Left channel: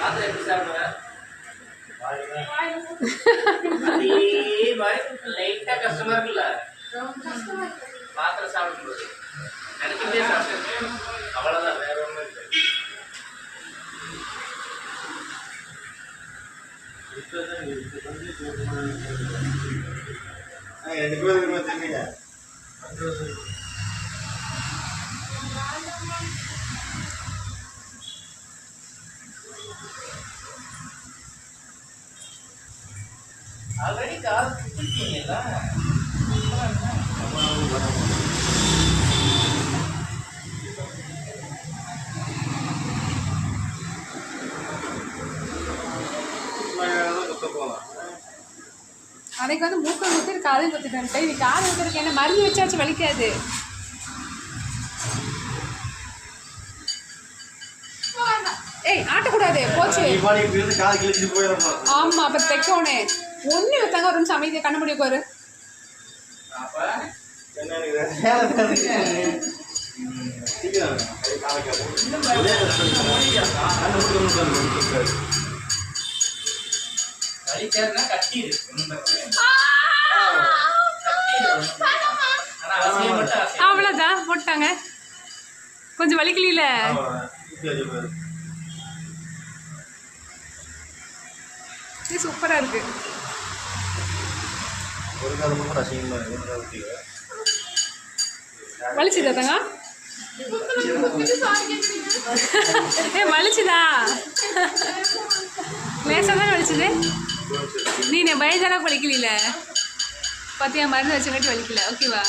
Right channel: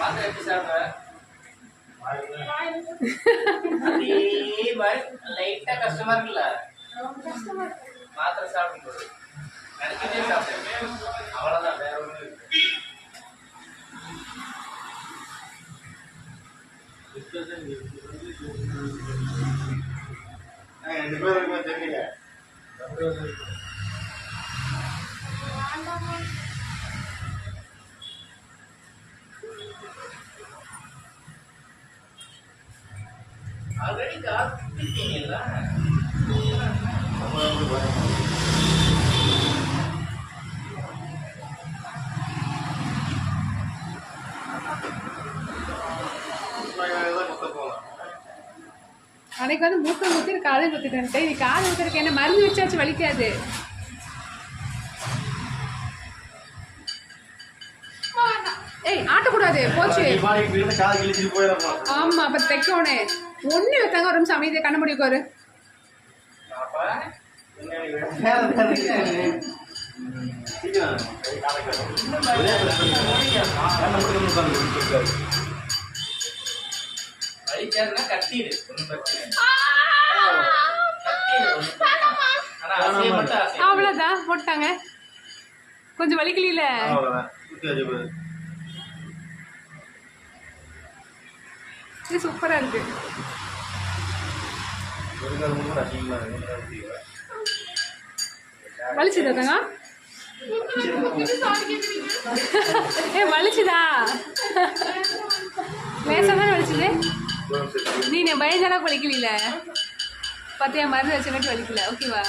மாத்திரை எப்படி சாப்பிடுவேன்? லைட்டா கஷ்டமா இருக்குல்ல மாத்திரை சாப்பிடும்போது நினைக்கிட்டே சாப்பிடுவேன். அவ்வளவுதான், வேற ஒண்ணும் இல்லை. ஆல்ரெடி கார் குடிப்பீங்கல்ல அன்னைக்கு வந்து மூக்கம் குத்து காலையும் குத்திட்டேன். இது காலை ஊத்துறதுக்கு என்ன மருந்து வச்சாச்சு வலிக்காது. ஏய் ஆட்டக்கூடாது போச்சு. ஆமா அப்ப தைக்கோனே ஒண்ணு இல்லைங்க. ஒரு நிமிஷம் அமைதியை கண்ண முடியும் ஒரு அவ்வளவுதான் போட்டாங்க. கொஞ்சம் வலிக்கல. இது சூப்பரா இருக்கு. வலிச்சுதா தங்க? ஏ வலிச்சுதா? லேசா தானே வலிச்சுது. நீ பயஞ்சளவுக்கு வலிக்கல. பார்த்தியா மருந்து வச்சங்காட்டி வலிக்கல. ஓகேவா?